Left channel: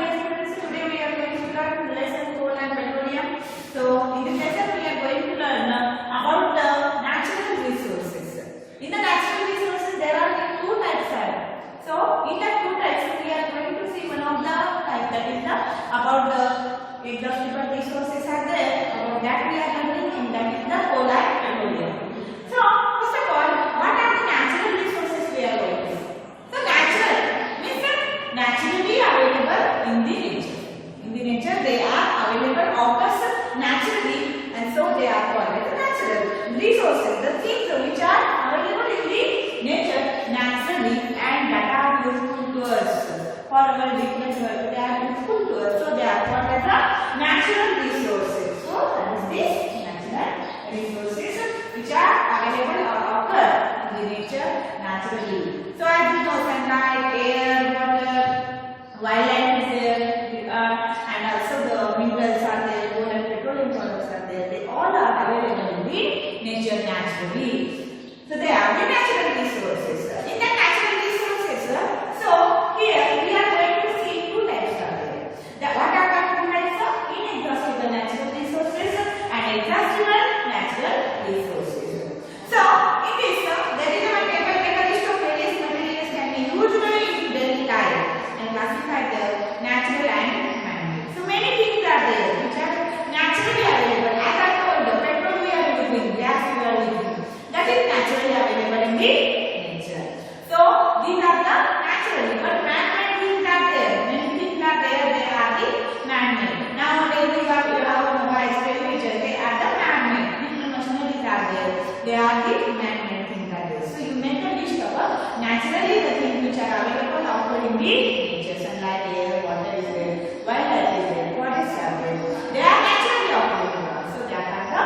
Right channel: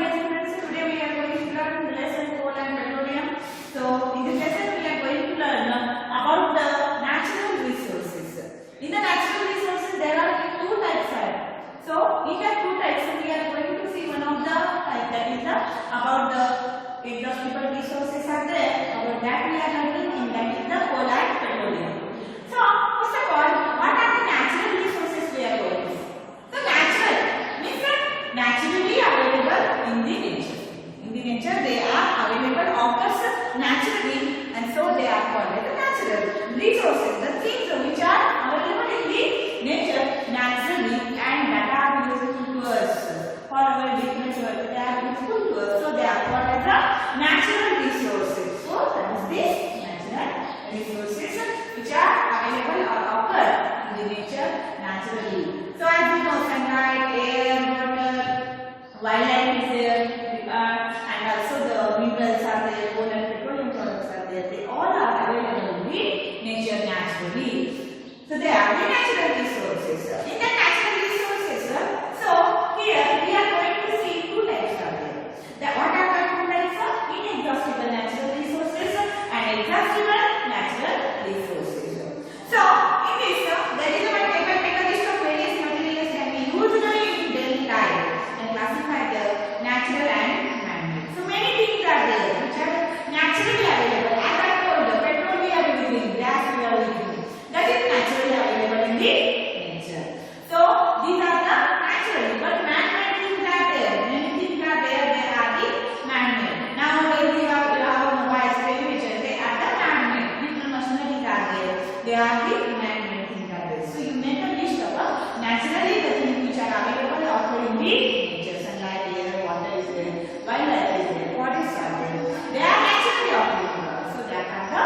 dear students, today we are going to learn lesson coal and petroleum. So in this lesson we are going to learn about the natural resources. In the natural resources there are two types. So in the two types we are going to see one of the type, that is the about the inexhaustible resources are there. About that we are learning, and that is the coal and petroleum. So first of all, what are the natural resources we are going to see? So natural means naturally available in the nature. In the nature they are available, occurs naturally, and so they are called as the natural resources. The things which are available in the nature naturally and that are useful to us for our different work. They are useful to us, so they are called as the natural resources. So that is the natural resources which are available or occur in the nature naturally. So as you know, sunlight, air, water, wildlife is there, and also the minerals are there, coal and petroleum products are there. They all are available in the nature naturally. So they are the natural resources. In the natural resources, so here we are going to see two types are there. What are the two types? Inexhaustible natural resources and exhaustible natural resources. So in this, there is a table list of various materials can be used in daily life and classified as natural and man-made. So many things are there which are naturally available. As I told you, petrol we are using, gas we are using. That is naturally available in the nature. So these are the naturally, but man-made things are there. Many things are there. They are the man-made. Nowadays we have mobiles, television. They are the man-made. Different machineries are there. They are the man-made things are there. So you make a list of naturally the things which are available occur in the nature. Sunlight, air, water is there. Wildlife is there. Waters are there. They are naturally occurring. So that are the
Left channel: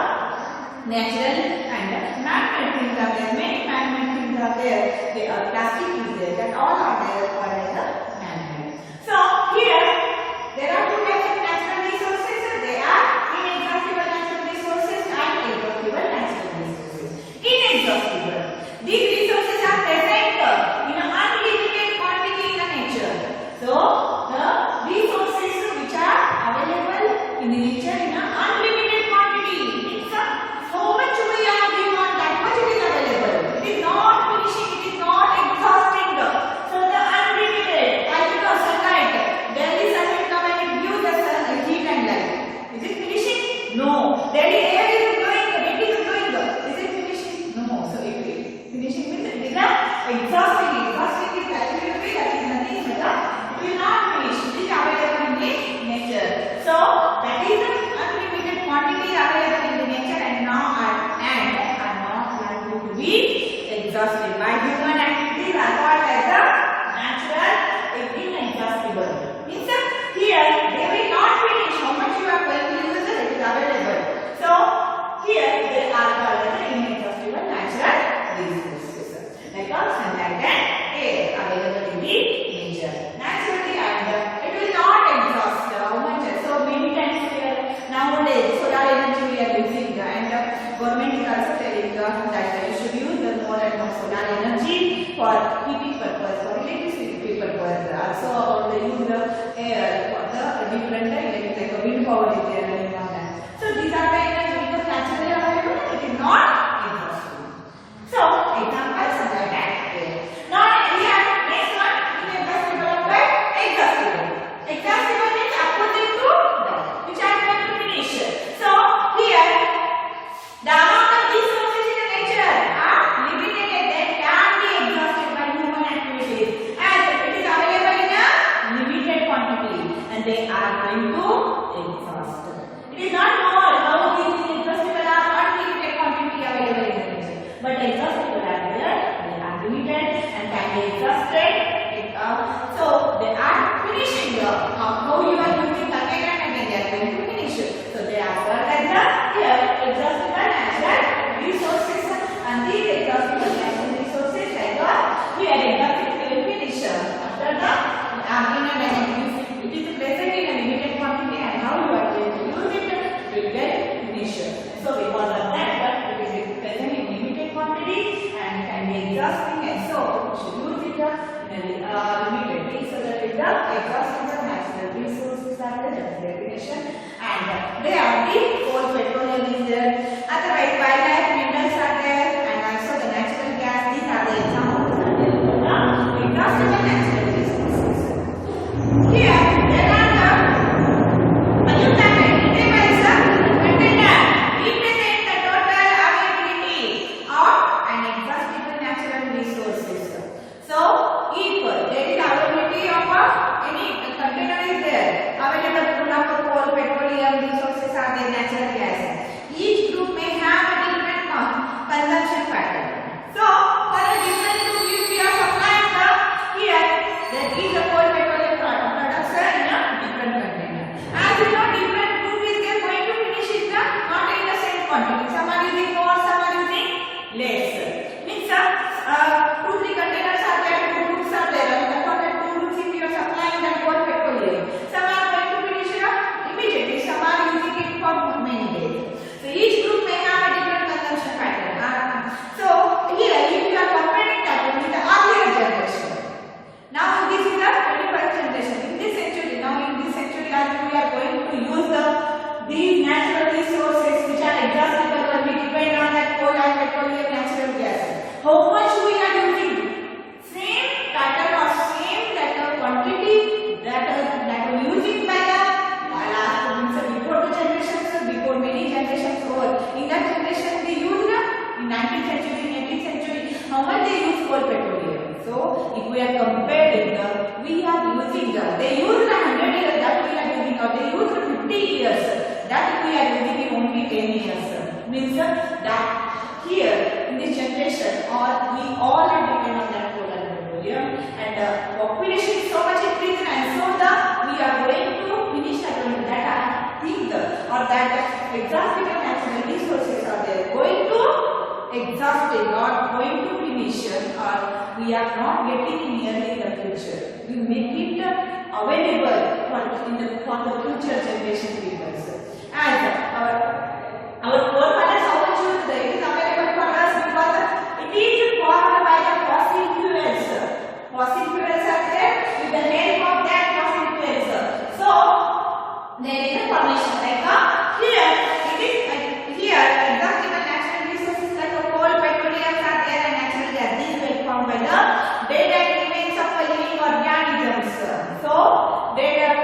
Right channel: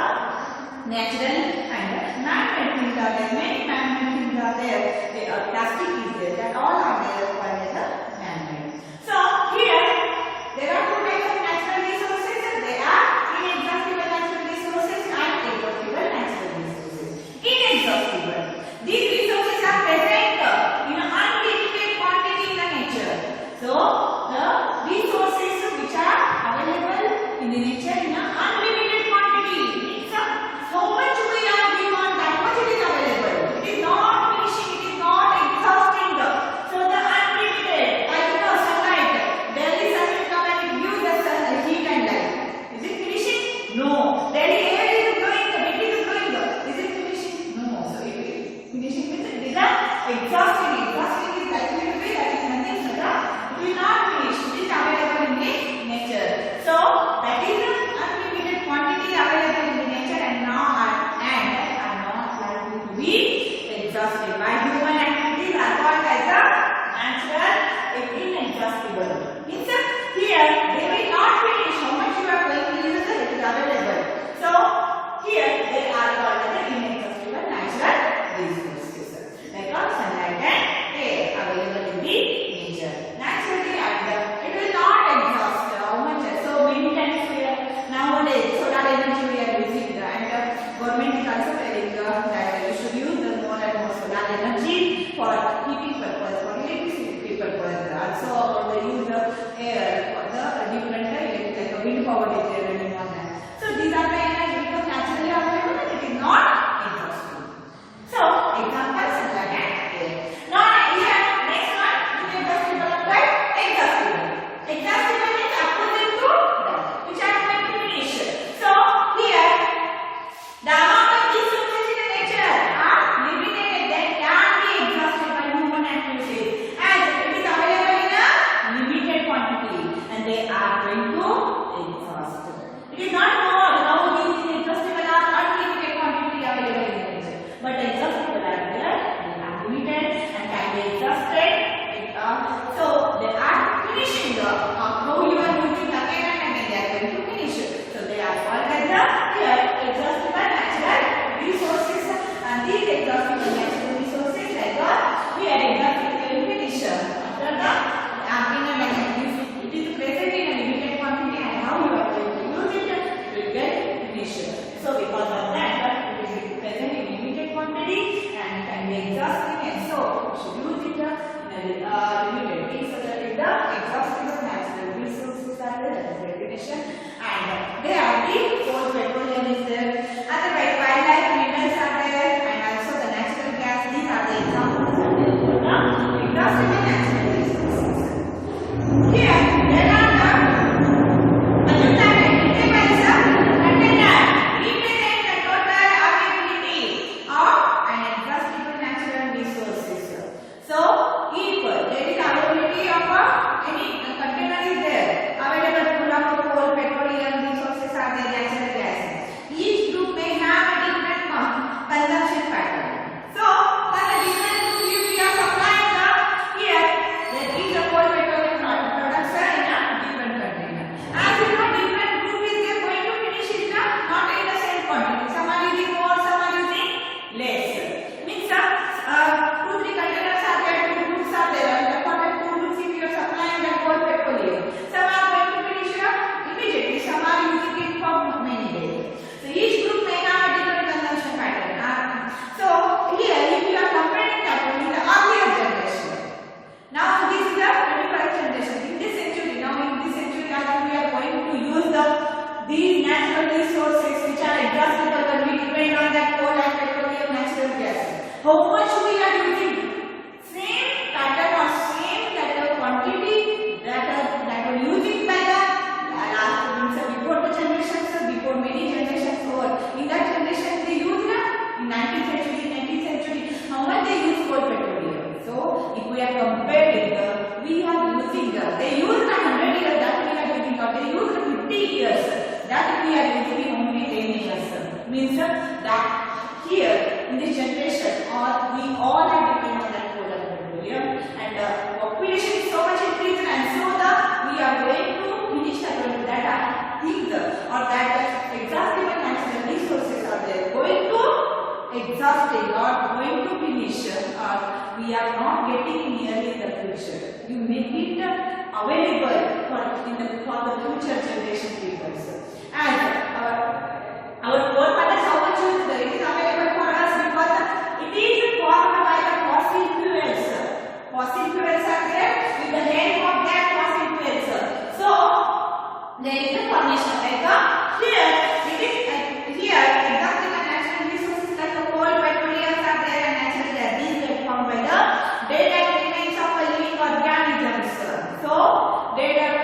natural and man-made things are there. Many man-made things are there. They are plastic is there. That all are there called as a man-made. So here there are two types of natural resources. They are inexhaustible natural resources and exhaustible natural resources. Inexhaustible. These resources are present in an unlimited quantity in the nature. So the resources which are available in the nature in an unlimited quantity. It's so much we are given, that much it is available. It is not finishing, it is not exhausting. So the unlimited, like sunlight, there is a sector when it gives us heat and light. Is it finishing? No. There is air is going, wind is going. Is it finishing? No. So it is finishing means it is exhausting. Exhausting is likely to be that is nothing but it will not finish. It is available in the nature. So that is unlimited quantity available in the nature and now are not likely to be exhausted. By human activities are called as the natural inexhaustible. Means here they will not finish how much you are going to use it is available. So here they are called as the inexhaustible natural resources. Like sunlight and air available in the nature. Naturally and it will not exhaust how much. So many times here nowadays solar energy we are using and government is also telling that you should use more and more solar energy for heating purpose, for electricity purpose. Also about the use of air for the different like a wind power is there and all that. So these are the energy because naturally available and it is not exhaustive. So example sunlight and air. Now here next one inexhaustible applied exhaustible. Exhaustible means opposite to that which are going to finish. So here the amount of resources in the nature are limited. They can be exhausted by human activities as it is available in a limited quantity and they are going to exhaust. It is not more how these inexhaustible are unlimited quantity available in the nature, but exhaustible are there. They are limited and can be exhausted. So they are finishing how you are using again and again. They are going to finish. So they are called as the here exhaustible natural resources, and these exhaustible natural resources like here exhausted will finish after the it is present in a limited quantity and how you are going to use it will get finished. So because of that it is present in limited quantity and can be exhausting and so you should use it in a they are the coal, petroleum is there. Otherwise, wildlife, minerals are there, and also the natural gas. These are the examples that are there for the industrial natural resources. Here, there are the pollutant elements container represent the total availability of an exhaustible natural resources. So, if there is availability of any container is there, available full of coal, petroleum resources are there, natural gas. Each group may have a different consumption pattern. So, for the different group, if we are supplying here, there is a coal, petroleum products in a different container. As you know, different group is there going to finish it not in the same quantity. Some are using more, some are using less. Means 2-3 containers are there, 2 groups are there, and the for 2 groups if you are supplying the coal, petroleum, some are going to finish immediately, some are using it for many days. So each group may have a different consumption pattern. So here, if you are comparing that with the earlier generation, now this is the 21st generation. In this century, now in this century, as we are going to use these natural resources which are exhaustible, when we depend on that coal and petroleum, natural gas. How much we are using? Same pattern or same kind of quantity that were using by the last before the generations, before many generations over. In that generation they used in 19th century, 18th century, how much they use coal, petroleum. So if we are comparing, we are using they used 100 years that we are using, or they used 50 years that we are using in only 10 years. Means that here in this generation, or we all are dependent on that coal and petroleum, and population is so much increased, and so we are going to finish that thing, or that exhaustible natural resources are there going to exhaust it, or going to finish, or we are not getting nearly the future. You make it available for the future generation people. And our forefathers how much used it is available for us because it is formed by the fossil fuels. Fossil fuels are there with the name of that fossil fuels. So there is a formation like here it is here exhaustible natural resources like coal, petroleum are there, and natural gas. These were formed by the dead and remains of living organisms. So dead and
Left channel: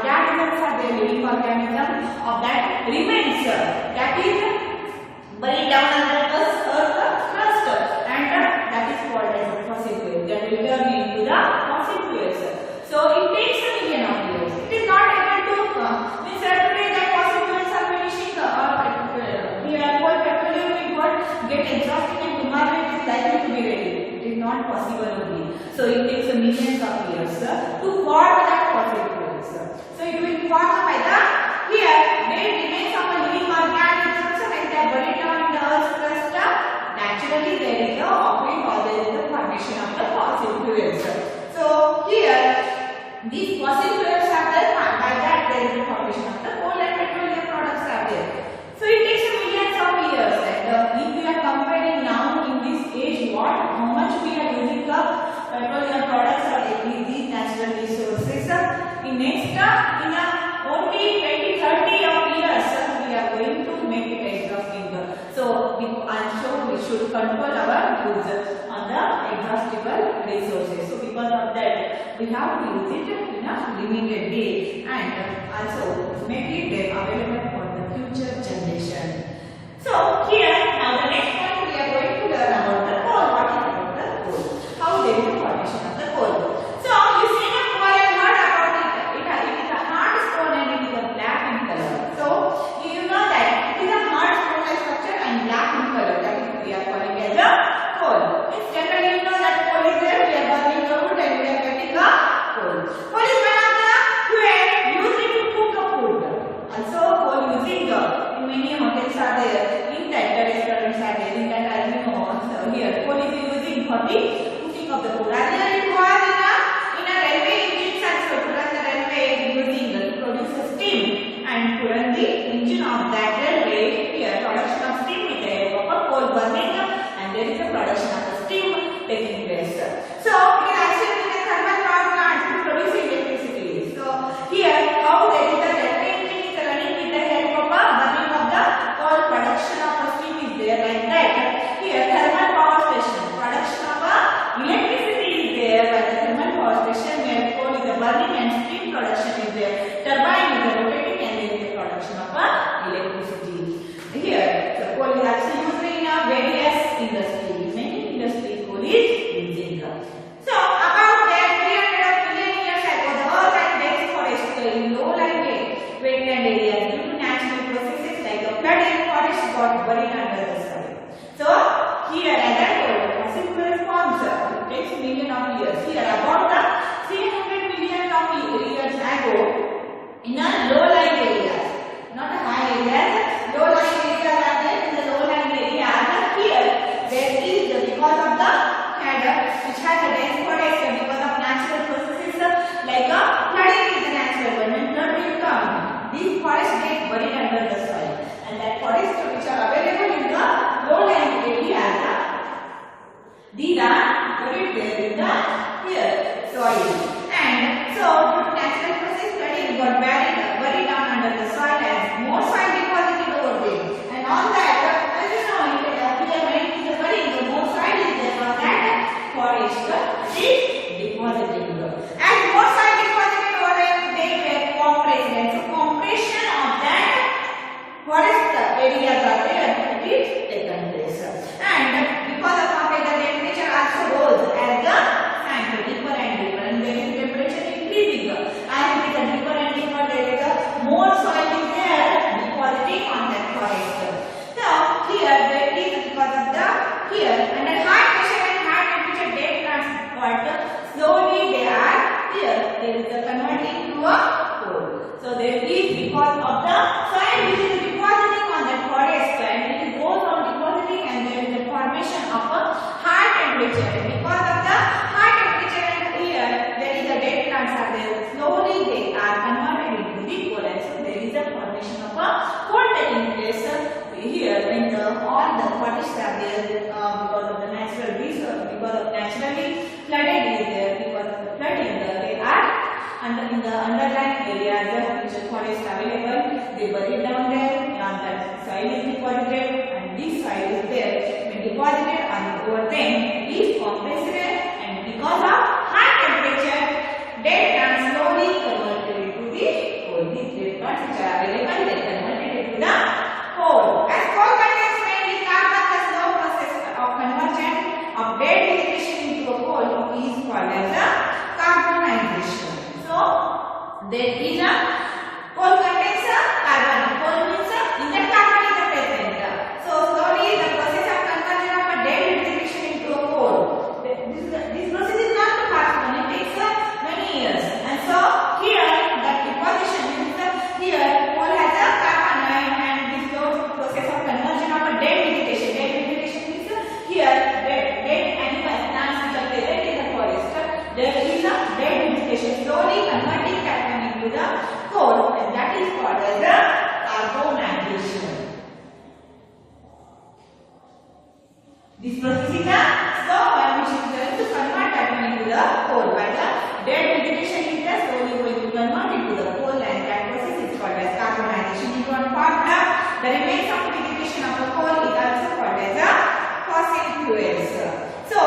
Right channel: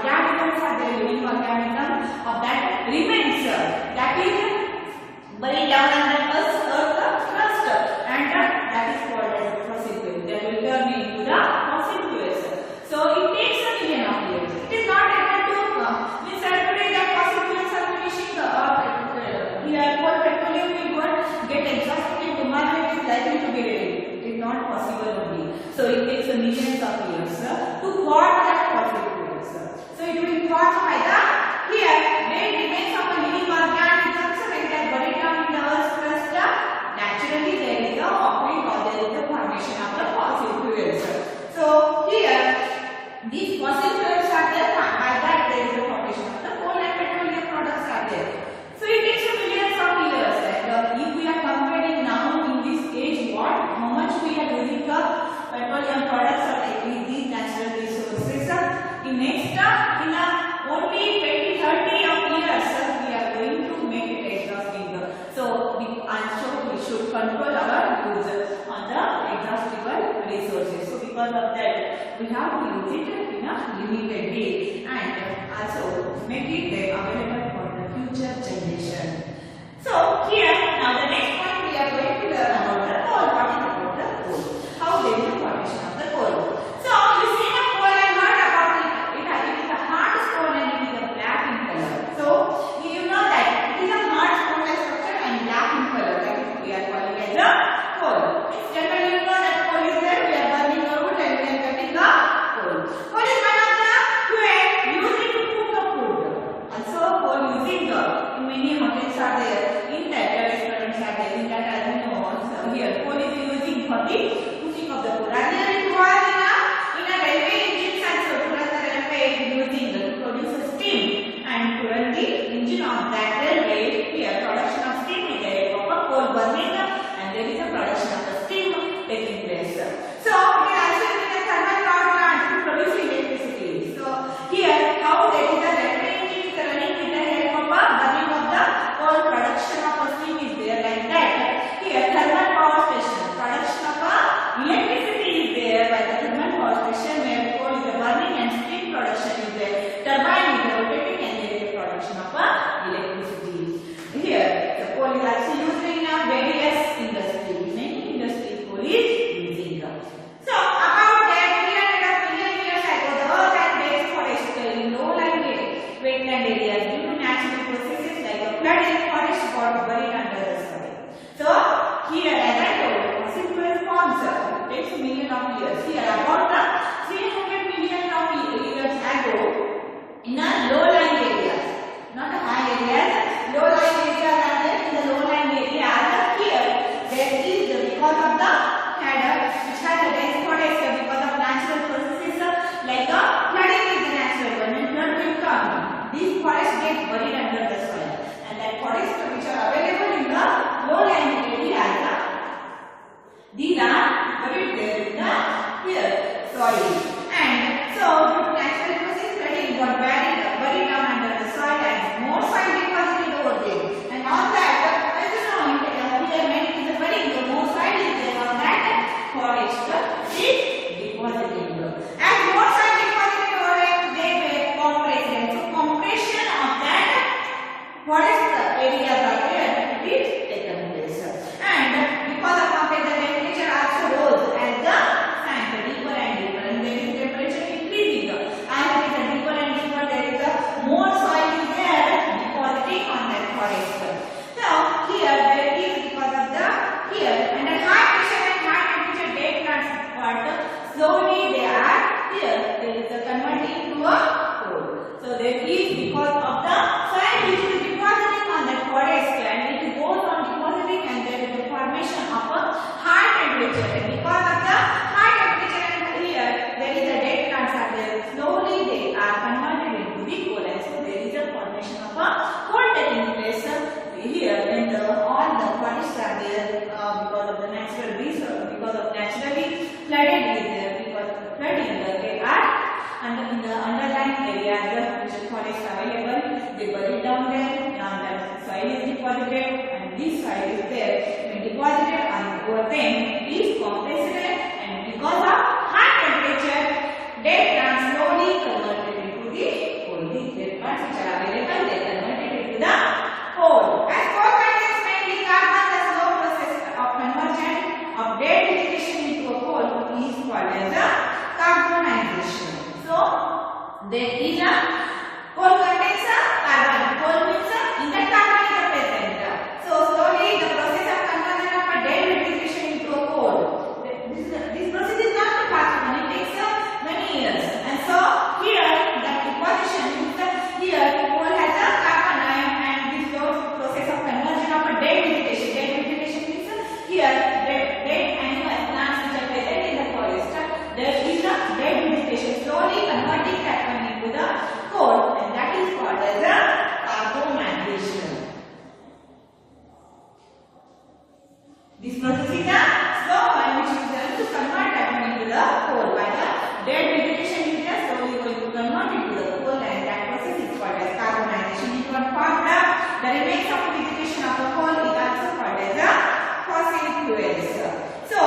organisms are there, living organisms of that remains that is buried down under the earth crust, and that is called as fossil fuel. They will turn into the fossil fuels. So it takes a million of years. It is not able to means today the fossil fuels are finishing the coal, petroleum will not get exhausted and tomorrow it is likely to be ready. It is not possible only. So it takes a millions of years to form that fossil fuels. So it will form by the here dead remains of a living organisms, and they are buried down in the earth's crust. Naturally there is a offering, or there is the formation of the fossil fuels. So here these fossil fuels are there, by that there is the formation of the coal and petroleum products are there. So it takes a millions of years, and if we are comparing now in this age how much we are using the petroleum products or these natural resources, in next in only 20-30 of years we are going to make it exhausting. So I'm sure we should control our use on the exhaustible resources. So because of that we have to use it in a limited way, and also make it available for the future generation. So here now the next point we are going to learn about the coal. What is about the coal? How there is the formation of the coal. So you see the coal and heard about it. It is a hard stone and it is a black in color. So you know that it is a hard stone like structure and black in color. That is we are calling as a coal. It's generally you know that coal is there. We are burning the wood and we are getting the coal. Coal is one of the fuel used to cook the food. Also coal using in many hotels are there. In that the restaurants are there. In that as you know here coal is using for the cooking of the food. Earlier it was in a railway engines also to run the railway using to produce a steam, and to run the engine of that railway here production of steam with the help of a coal burning, and there is a production of the steam taking place. So it is also using a thermal power plant to produce electricity. So here how they these forests get buried under the soil, and that forests which are available in the lowland area, these are buried there in the soil. And so due to natural process, flooding got buried down under the soil, and more soil deposited over there. And on that, as you know, here when it is burying, the more soil is there on that forest is deposited. As more soil deposited over there, they were compressed. And so compression of that forest areas are there, it is taken place. And because of compressed, the temperature also rose as the sank deeper and deeper, and there is temperature increasing. As it is deeper and deeper, there is more soil is there depositing on that forest. So here there is, because of the here under high pressure and high temperature, dead plants slowly they are here. There is a converting to a coal. So there is, because of the soil which is depositing on that forest, and it goes on depositing, and there is a formation of a high temperature. And because of the high temperature, and here there is a dead plants are there, slowly they are converted into the coal, and so there is a formation of a coal taking place here when all the forests are there because of the natural resource, because of naturally flooded is there, because of the flooding they are under in the underlying areas which are forest available, they buried down there, and that soil is deposited, and this soil is there when deposited, and over them is compressed, and because of high temperature, dead plants slowly converted into the coal. These dead plants which are available, they converted into the coal. As coal contains mainly carbon, the slow process of conversion of dead vegetation into a coal is called as a carbonization. So there is a coal contains a carbon. Coal means in that carbon is present. So slowly the process of conversion of a dead vegetation into a coal. This process is not too fast. It takes many years. And so here that deposition means here coal has a carbon, and this process of conversion of a dead vegetation. Dead vegetation means here dead animal plants which are present in the forest. There is a dead vegetation slowly converting that one into the coal, and that is called as a carbonization. This process is a slow one which is going to convert that one into the coal, while the dead vegetation is just slowly going to convert into the coal, and that process is called as carbonization. It was part the remains of the vegetation of the coal is also called as a fossil fuels. So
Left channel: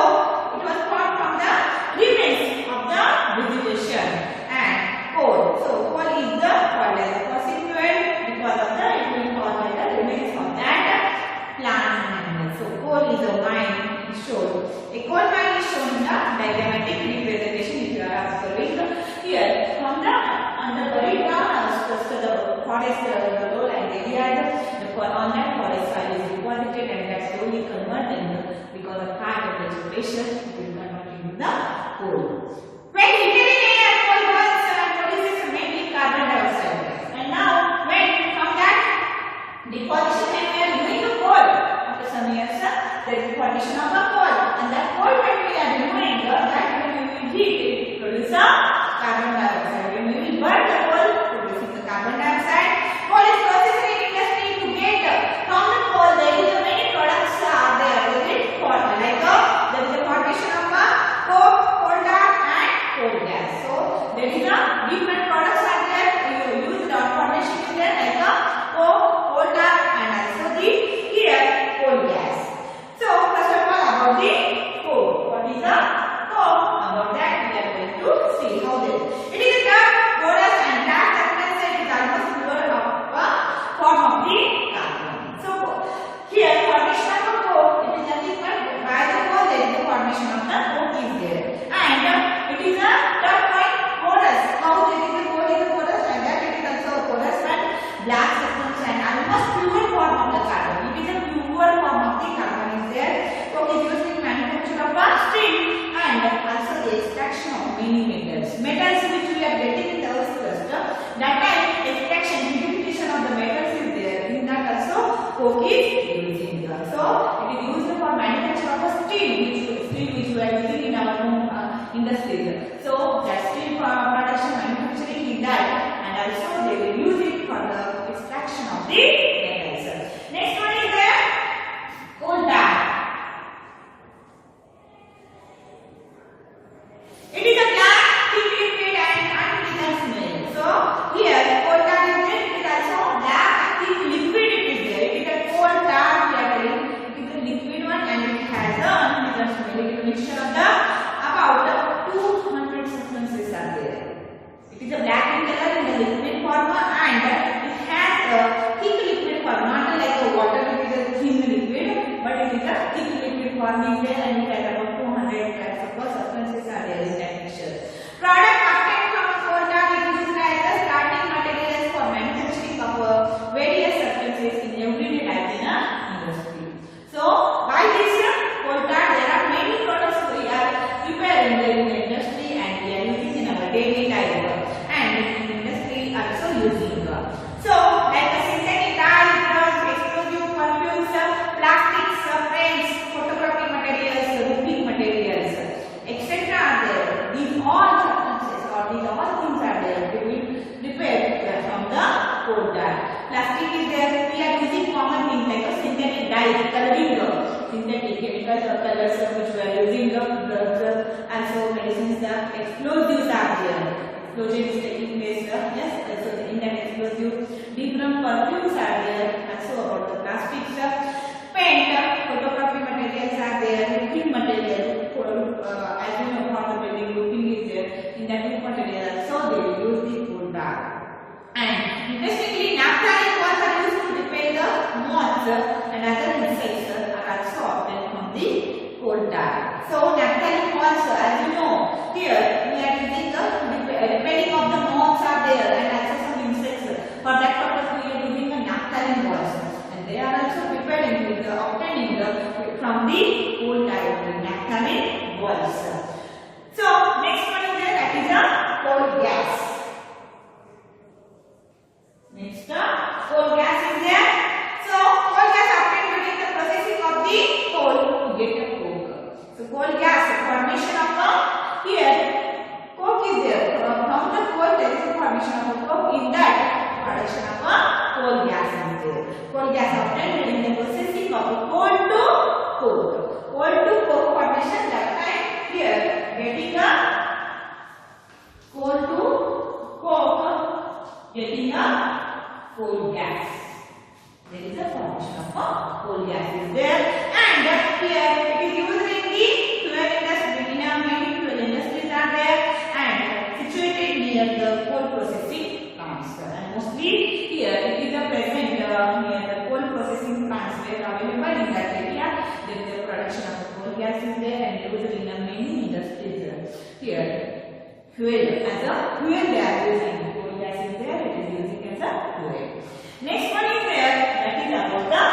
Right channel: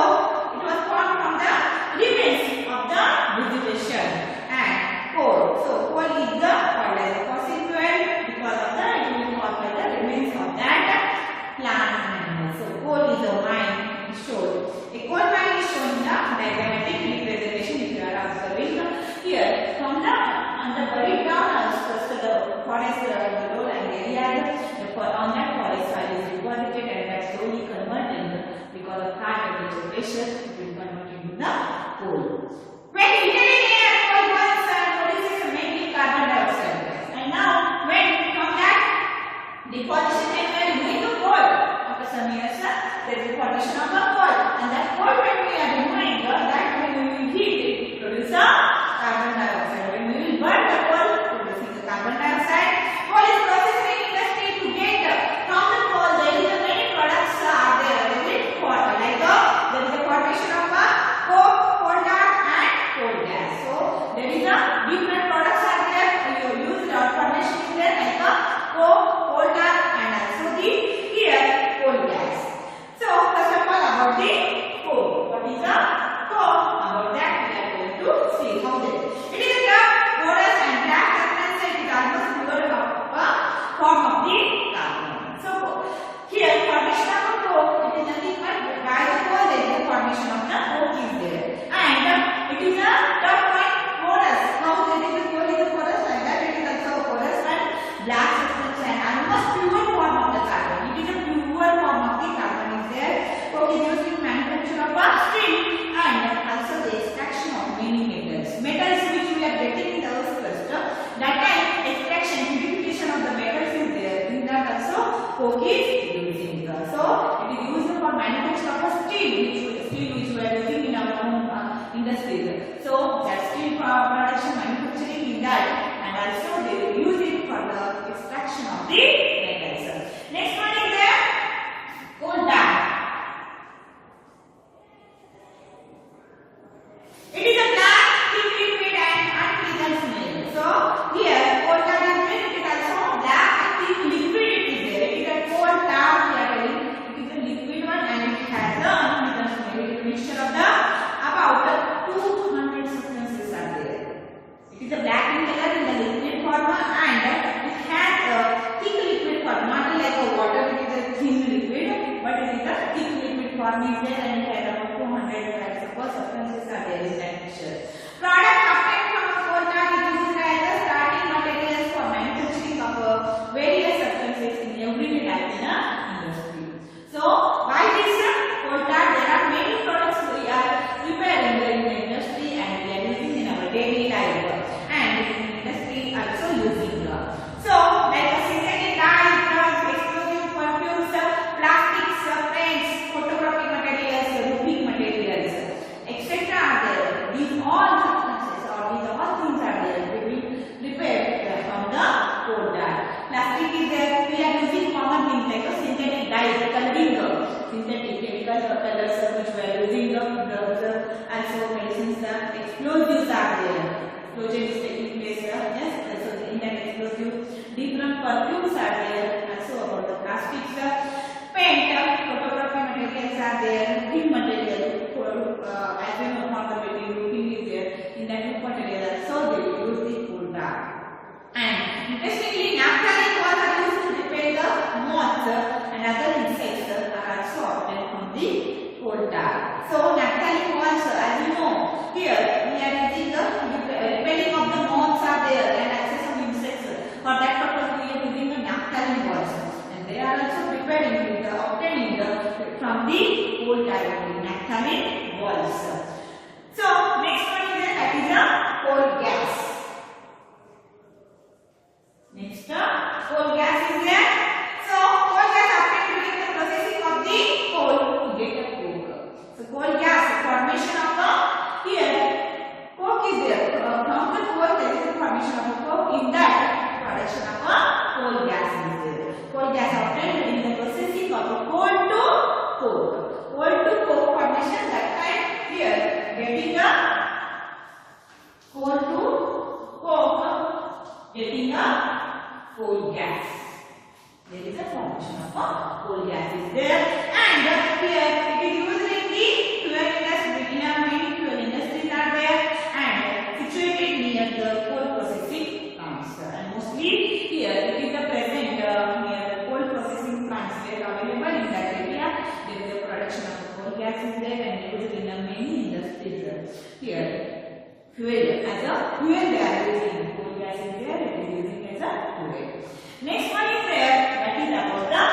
it was formed from the remains of the vegetation and coal. So coal is the called as a fossil fuel because of the it will be called by the remains of that plant animal. So coal is a mine shown. A coal mine is shown in the diagrammatic representation. If you are observing here from the under buried down to the forest, the lowland area, on that forest soil is deposited, and that slowly converting because of high temperature pressure, it will convert into the coal. When inhaling air, coal burns and produces mainly carbon dioxide gas. And now when from that deposition and we are moving to coal, after some years there is a formation of a coal, and that coal when we are removing that when we will heat it produce a carbon dioxide. When we will burn the coal, producing the carbon dioxide. Coal is processed in industry to get from the coal. There is many products are there. There is like there is a formation of a coke, coal tar, and coal gas. the pellets which we are using, the drugs, and so medicines, the explosives are there. Explosion is taking place, yes, so in that explosive, different perfumes are there, and so about the plastics, paint, photography materials are there, roofing material, as you know, from the building roofing is there, in that roof material, so they will use the coal tar. And interestingly, naphthalene walls are used to repel the moths and other insects are also obtained from the coal tar. So naphthalene walls, as you know, here we are using the repelling of the moths are there and also some insects. For that purpose, we are using the naphthalene walls, and they are also preparing with obtaining from the coal tar naphthalene walls. So next one is that is the coal gas. Next, coal gas is there. So, coal gas obtained during the processing of the coal to get a coke. So, coal gas, formation of the, here, coke is there. From the coal, there is a formation of a coke. In that, production of a coal gas is there. Coal gas obtained during the processing of the coal to coke. Coal to coke formation, that time, here, getting the coal to coke, getting a coal gas. There is a formation of a coal gas is there, and here it is used in the fuel industry. Many fuel industries are there and situated near the coal processing plants. And mostly here it is a present near the coal processing plants. They are available in that area. There is a production of the coal gas is there and used in many industries. Here fuel as a fuel they are using. Coal gas is there. It is using as a fuel. Next one is there, that is about the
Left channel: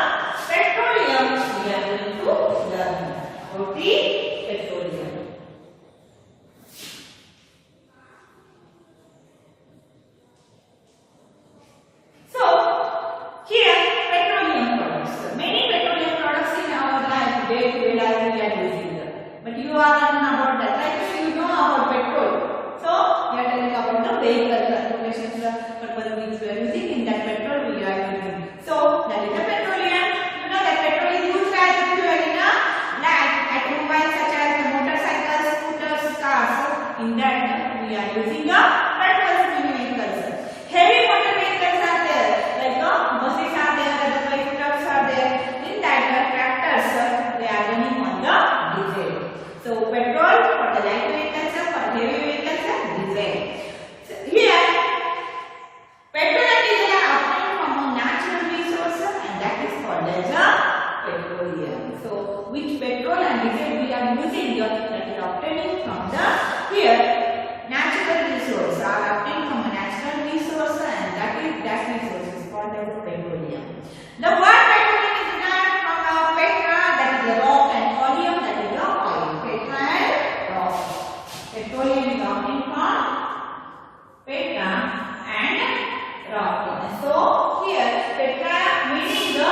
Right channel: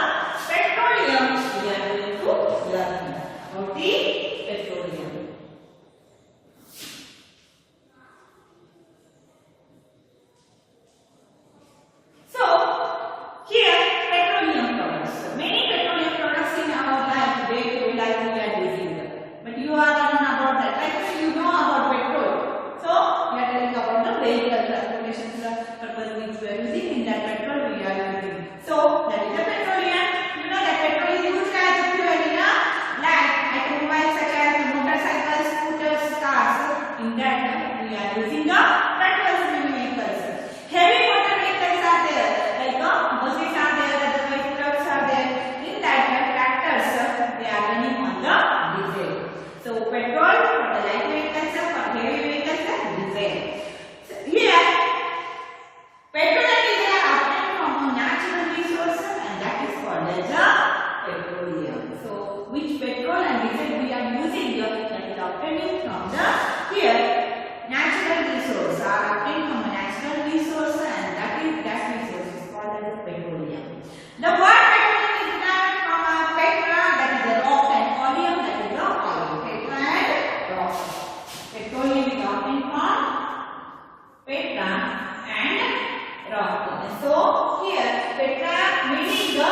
petroleum. We are going to learn about the petroleum. So here petroleum products. Many petroleum products in our life, day-to-day life we are using. But you are learning about that. Like you know about petrol. So we are telling about the vehicle transportation purpose which we are using. In that petrol we are using. So that is the petroleum. You know that petrol is used as a fuel in a like automobiles such as the motorcycles, scooters, cars. So in that we are using the petrol vehicles. Heavy motor vehicles are there, like buses are there, other trucks are there. In that tractors they are running on the diesel. So petrol for the light vehicles, for heavy vehicles, diesel. So here petrol and diesel are obtained from a natural resource, and that is called as a petroleum. So which petrol and diesel we are using, that is obtaining from the here natural resource are obtained from a natural resource, and that resource is called as petroleum. The word petroleum is derived from petra, that is the rock, and oleum, that is the oil. Petra and rock. Petroleum is obtained from petra and rock. So here petra meaning the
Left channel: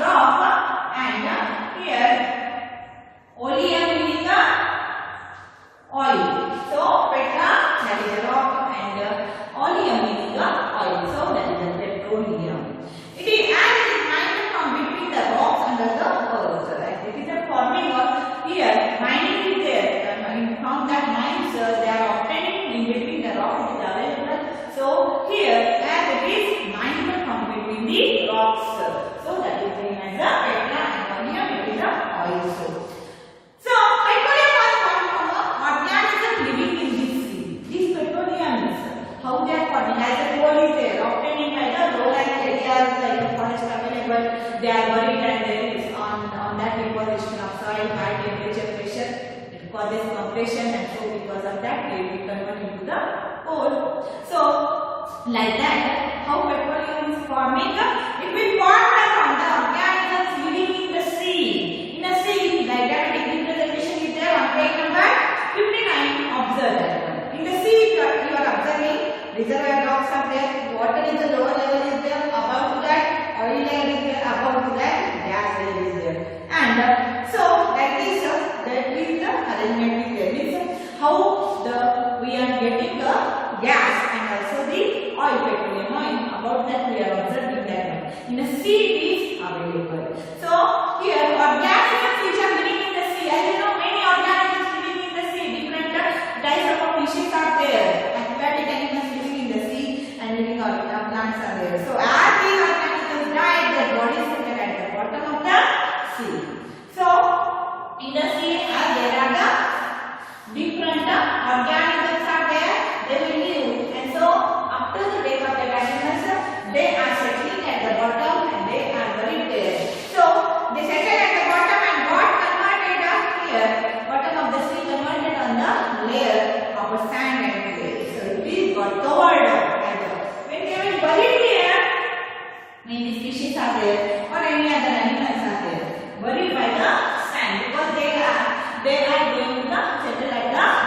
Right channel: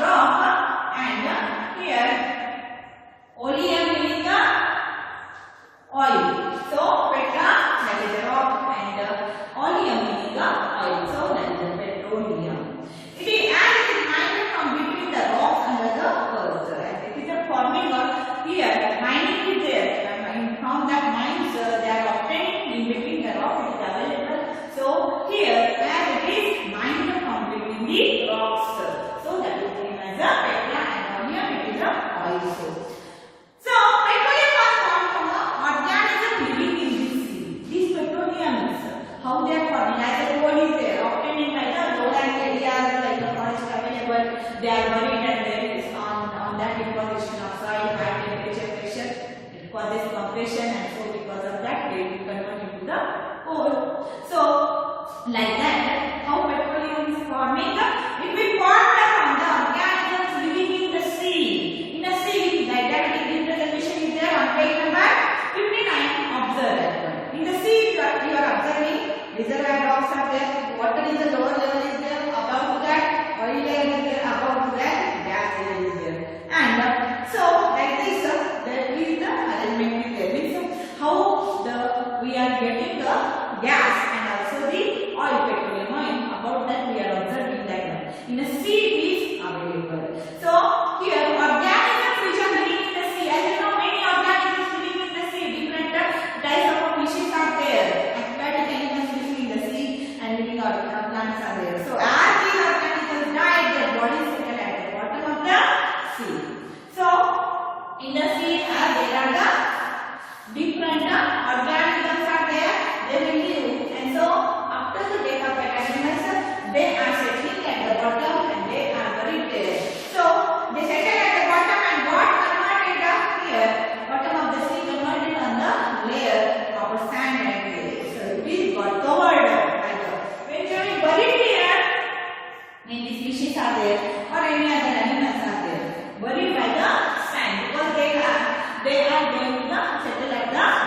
rock, and here oleum meaning the oil. So petra, that is the rock, and oleum meaning the oil. So that is the petroleum. It is as it is mined from between the rocks under the earth. It is a forming of here mining is there. From that mines they are obtaining in between the rock. It is available. So here as it is mined from between the rocks. So that is named as a petra, and oleum it is a oil source. So petroleum was formed from a organism living in the sea. These petroleums, how they are formed, like the coal is there, obtained by the lowland areas like the forest available. They are buried, and there is on that deposition of soil, high temperature, pressure. It causes compression, and so because of that they will convert into the coal. So like that, how petroleum is forming? It will form from the organisms living in the sea. In the sea, like diabetic representation is there on page number 59. Observe that one. In the sea, you are observing reservoir rocks are there. Water is the lower level is there. Above that, oil layer is there. Above that, gas layer is there. And so like this, that is the arrangement is there. Means how we are getting the gas and also the oil, petroleum oil. About that we are observing that one. In the sea it is available. So here organisms which are living in the sea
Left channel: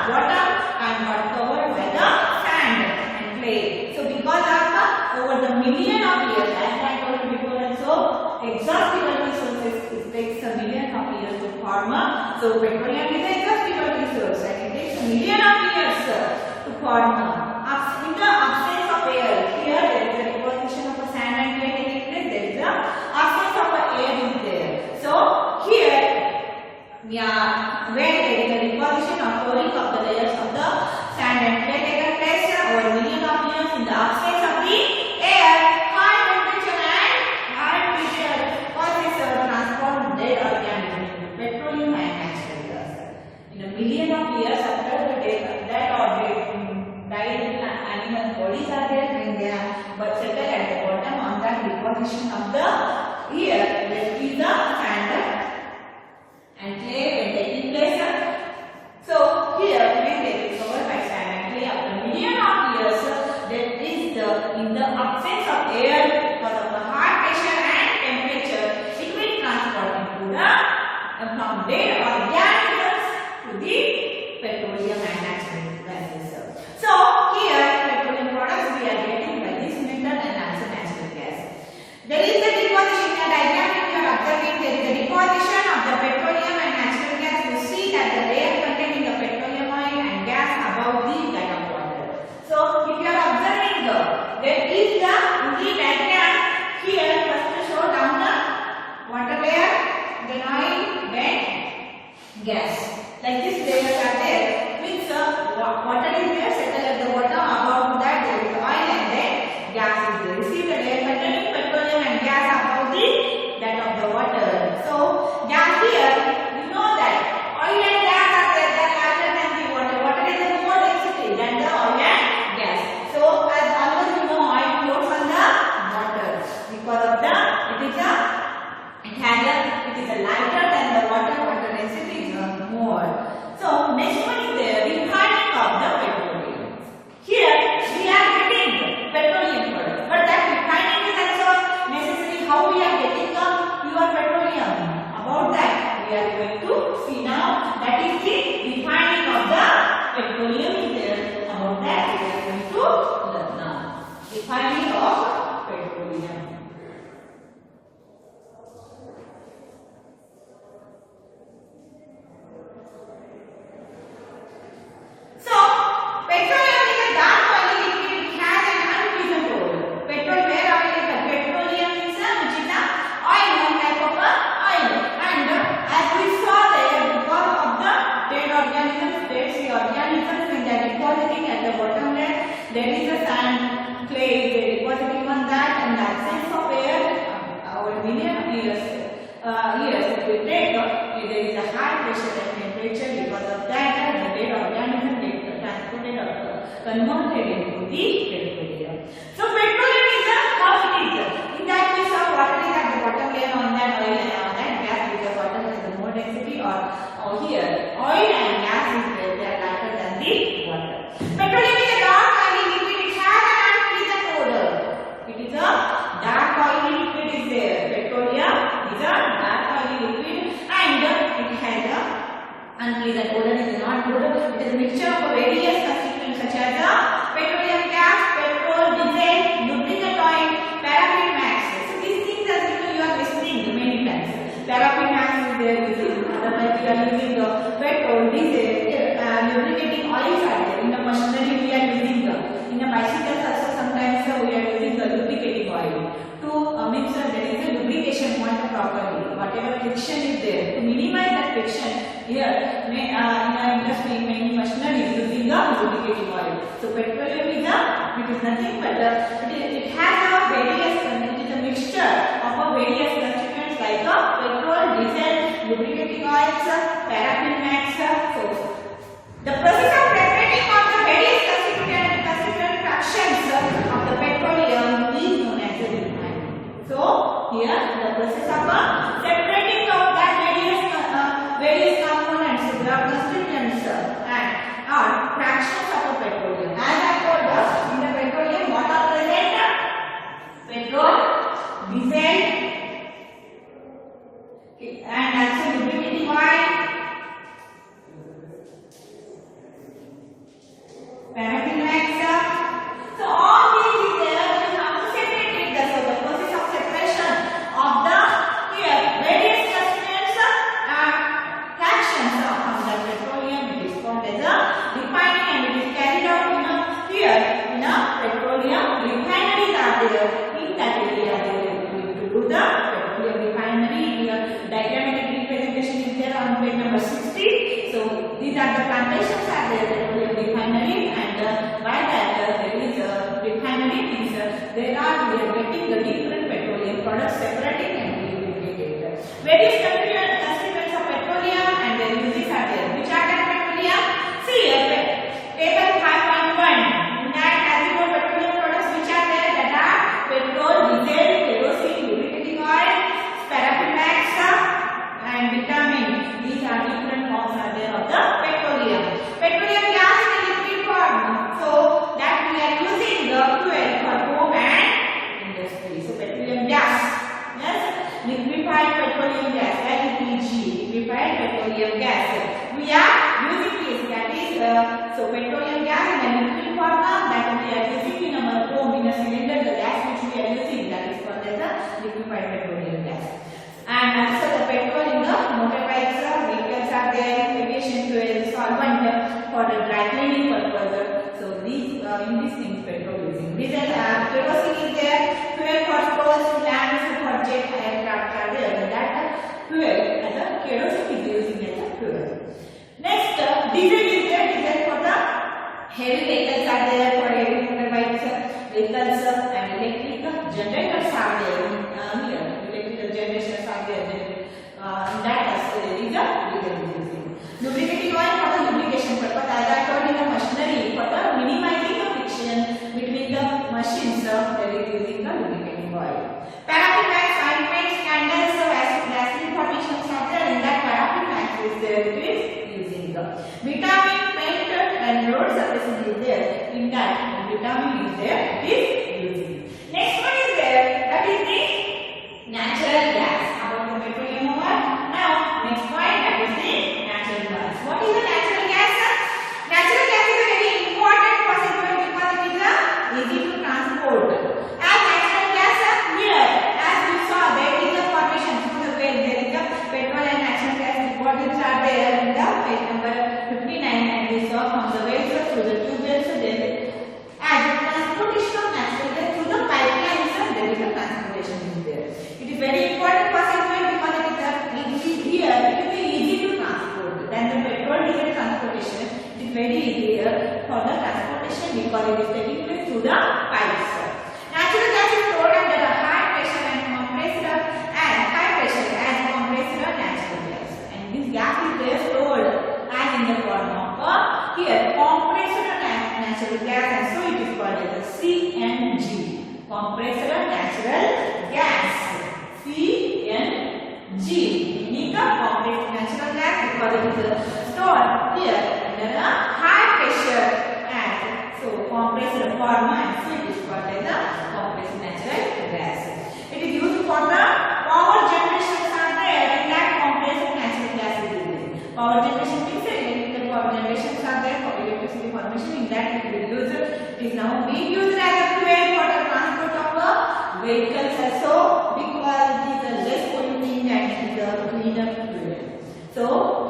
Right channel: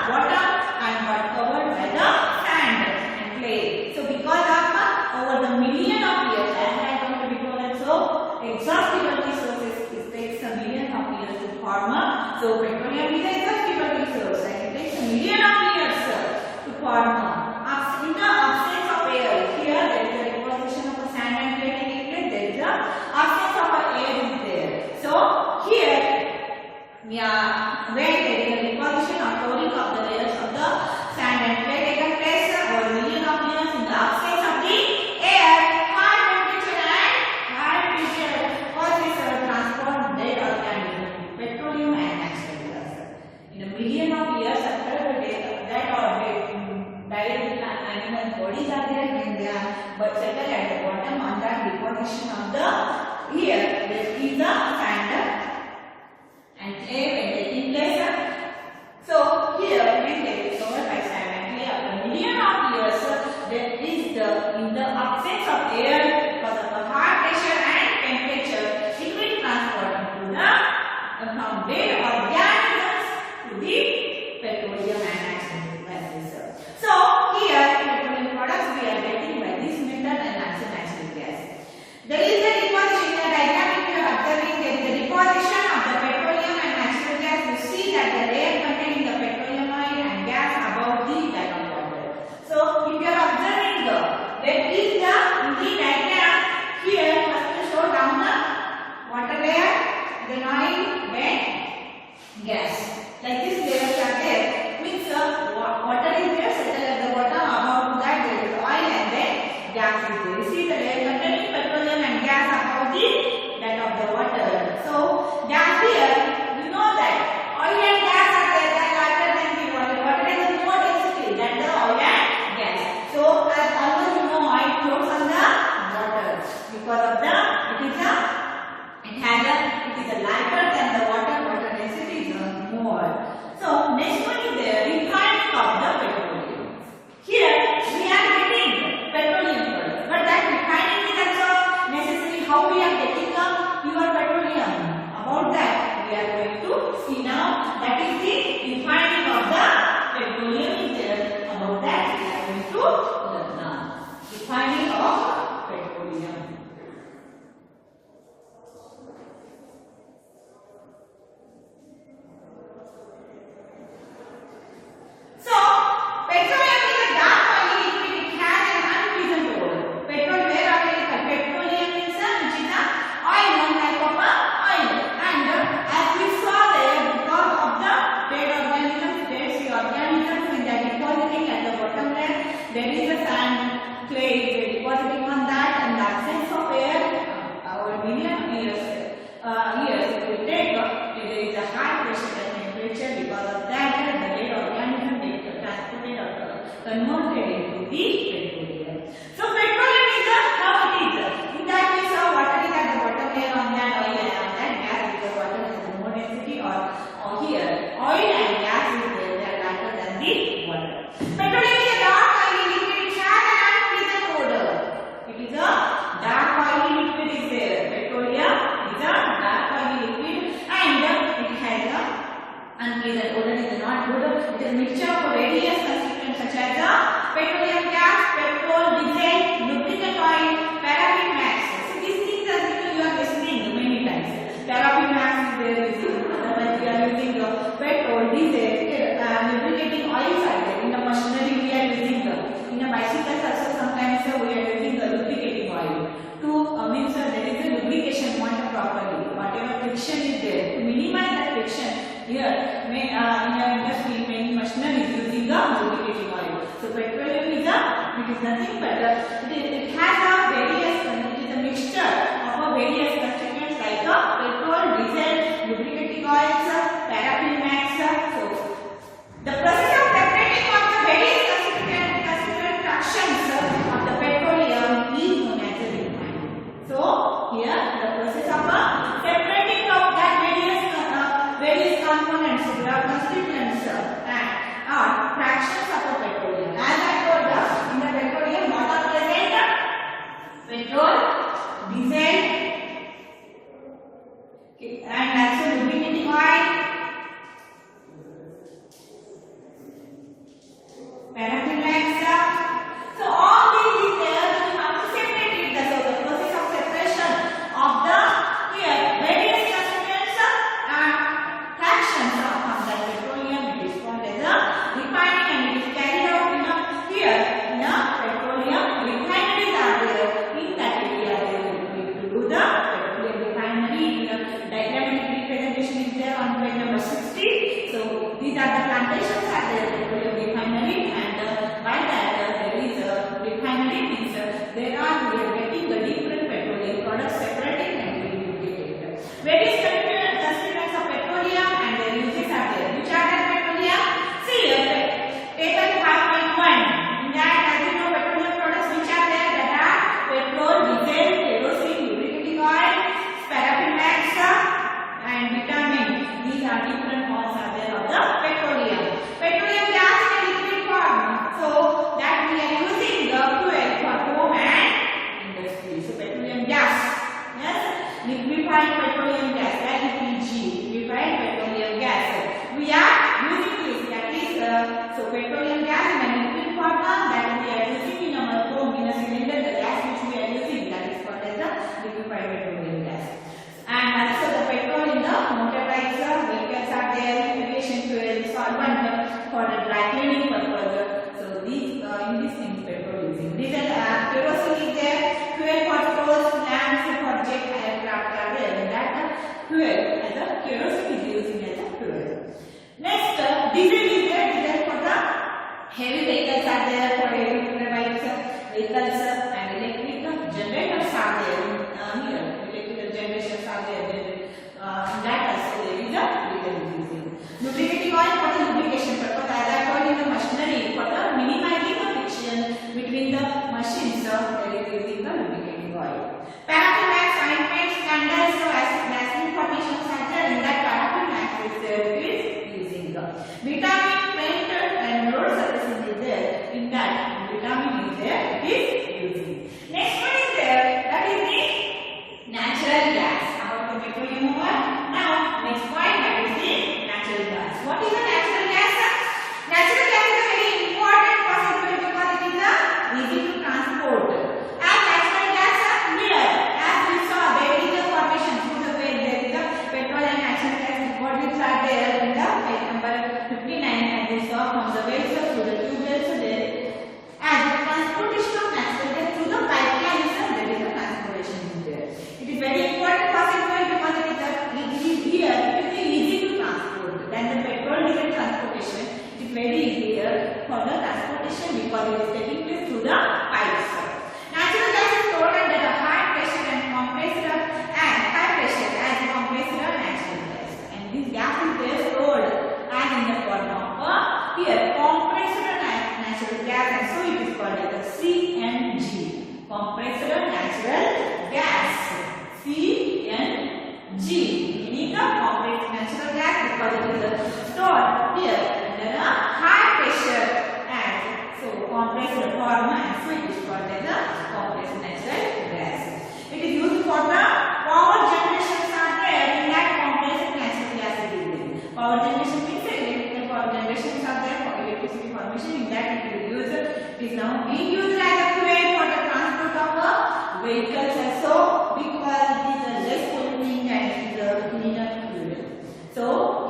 bottom and got covered by the sand and clay. So because of over the million of years, as I told you before also, exhaustible resources, it takes a million of years to form. So petroleum is an exhaustible resource and it takes a million of years to form. In the absence of air, here there is a deposition of a sand and clay taking place. There is a absence of air is there. So here, yeah, when there is a deposition or pouring of the layers of the sand and clay taken place over million of years in the absence of the air, high temperature and high pressure causes the transport of dead organisms into petroleum and natural gas. In a million of years after the death or died animal bodies are there when they are but settle at the bottom on that deposition of the air, that is the sand and clay when taking place. So here when they is covered by sand and clay after million of years, that is the in the absence of air because of the high pressure and temperature, it will transport into the from dead organisms to the petroleum and natural gases. So here petroleum products we are getting by this method and also natural gas. There is a deposition in the diagram you are observing. There is a deposition of the petroleum and natural gas. You see that the layer containing the petroleum oil and gas above the line of water. So if you are observing there is the in the diagram here first to show down the water layer, then oil, then gas. Like this layers are there. Means water is there settled at the bottom. Above that there is oil and then gas is there. You see the layer containing petroleum and gas above the that of the water. So gas here, you know that oil and gas are there. They are lighter than the water. Water is a more density than the oil and gas. So as always you know oil floats on the water because of the it is a lighter than the water. Water density is more. So next one is the refining of the petroleum. Here we are getting petroleum products, but that refining is also necessary. How we are getting the pure petroleum? About that we are going to see now. That is the refining of the petroleum is there. About that we are going to learn now. Refining of petroleum. There is a sand, clay, they depositing on that, and the absence of air, over million years, it will take. There is a high pressure and temperature because of that, the dead organism get transported or converted into the petroleum. So petroleum is how it is. In that we saw water is at the bottom layer on that, oil and on that gas because water has the more density, or here oil and gas is there, they are lighter than the water. Petroleum is a dark oily liquid. It has an unpleasant odor. It is a dark oily liquid is there. Petroleum is a dark oily liquid and it has a unpleasant odor. It is not good. It is a mixture of various constituents such as the petroleum gas, petrol, diesel, lubricant oil, paraffin max. So these things as you are listening many times. Paraffin max is there. Like we are using petrol, diesel, lubricating oils are there. In a machinery we are using in a bicycle also sometimes we are using the lubricating oil to means there is a lubrication point properly. Whatever friction is there, to minimize that friction here in a industry many machinery is using the lubricating oil. So petroleum is it is nothing but it has a various it is a mixture of various constituents like petrol, diesel, lubricating oils, paraffin max. So the process of separating of the various constituent fractions of the petroleum is known as the refining. So here the process of separating of that various components, the constituents and are fractions of the petroleum. As I told in the petroleum what are present? Petrol, diesel, and also lubricating oil, paraffin wax. So all these is there. Then you have to separate it. So the process of separation of the here various constituents and fractions from the petroleum, it is called as a refining, and it is carried out in a here in a petroleum refineries are there. In that area they will do the petroleum refinery. Here diagrammatic representation is there on page number 60. So these are the plantations are there, petroleum refinery, and by that there is a refinery means there are we are getting the different petroleum products separating and lubricated. Various constituents of petroleum and their uses are there. Which are the petroleum? See here, table 5.1. In that, as you know, petroleum products which are there, that are petrol, diesel, kerosene, lubricating oil, paraffin wax, and vitamin. These are different forms are there of the petroleum. Petroleum gas in liquid form. So that we are using the fuel for home and industry. So petroleum gas. Yes, liquefied petroleum gas, LPG, liquefied petroleum gas. We are using this. That is so petroleum gas in a liquid form that we are using in our home in a cylinder. The gas which we are using, that is called as the liquefied petroleum gas. And also the petrol in the motorbikes, vehicles are there, aviation fuel, solvent for the dry cleaning purpose. So these in these things petrol using. Diesel, kerosene is there, fuel for stores, lamps, for jet aircraft are there. And that fuel as a kerosene is using as a fuel. Next, diesel is there. Diesel for the heavy vehicles are there, for heavy motorbikes, vehicles, and electric generators are there. Here, electrical generations are there. In that also there is a diesel using. Lubricating oil for the lubrication purpose. As I told in the machinery, for the minimizing the friction between the machines, that is using the lubricating oil. Paraffin wax, ointments, candles, vaseline formations are there. In that paraffin wax is there, it is using the vitamin, paint, and road surfacing is there. In that vitamin is there, it is using. Next one is there, that is the natural gas. About the petroleum over. Now next point, that is the natural gas. What is the natural gas? Natural gas is a very important fossil fuel because it is easy to transport. As natural gas here, as we saw, there is a formation through the way there is a petrol and natural gas deposits are there in the page number 59, and we saw from the way through the tube wells there. As the transportation of natural gas through the pipelines, there is a transportation in there. It is very important fossil fuel because it is here. It is easy to transport. Than the petrol diesel transportation, it is very easier for the transportation because it is taking place through the pipes. Natural gas is stored under a high pressure and compressed and high pressure as compressed natural gas. And this gas is there stored as in the form of here compressed natural gas, and so it is called as CNG, compressed natural gas. CNG, meaning the compressed natural gas because it is stored here under a high pressure and so compressed form, and so it is called as a compressed natural gas. It is used for the power generation are there. In that compressed natural gas is used. Power generation means electrical power generations are there for electricity formation. In that it will use. It is now being used as a fuel for the transport of vehicles also because it is a less polluting and it is a cleaner fuel. So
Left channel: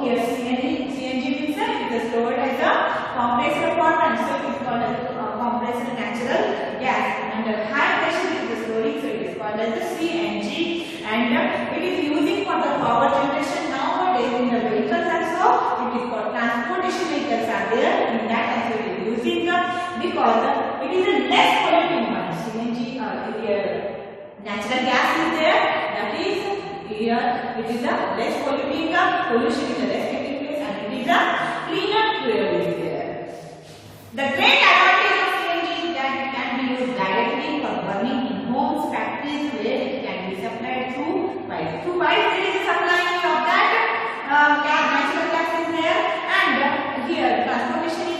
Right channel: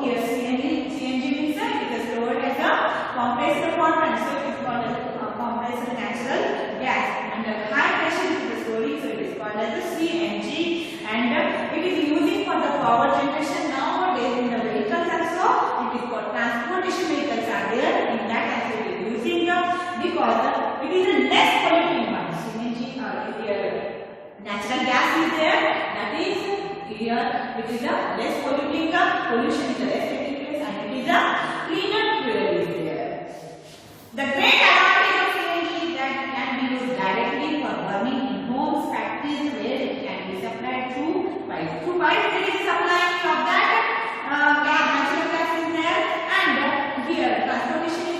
here CNG means it is stored as a compressed form, and so it is called as compressed natural gas. Under high pressure it is storing, so it is called as the CNG, and it is using for the power generation nowadays in the vehicles also. It is for transportation vehicles are there. In that also it is using because it is a less polluting one. CNG natural gas is there. That is here it is a less polluting. Pollution is less taking place, and it is a cleaner fuel is there. The great advantage of CNG is that it can be used directly for burning in homes, factories, where it can be supplied through pipes. Through pipes there is a supplying of that natural gas is there, and here transportation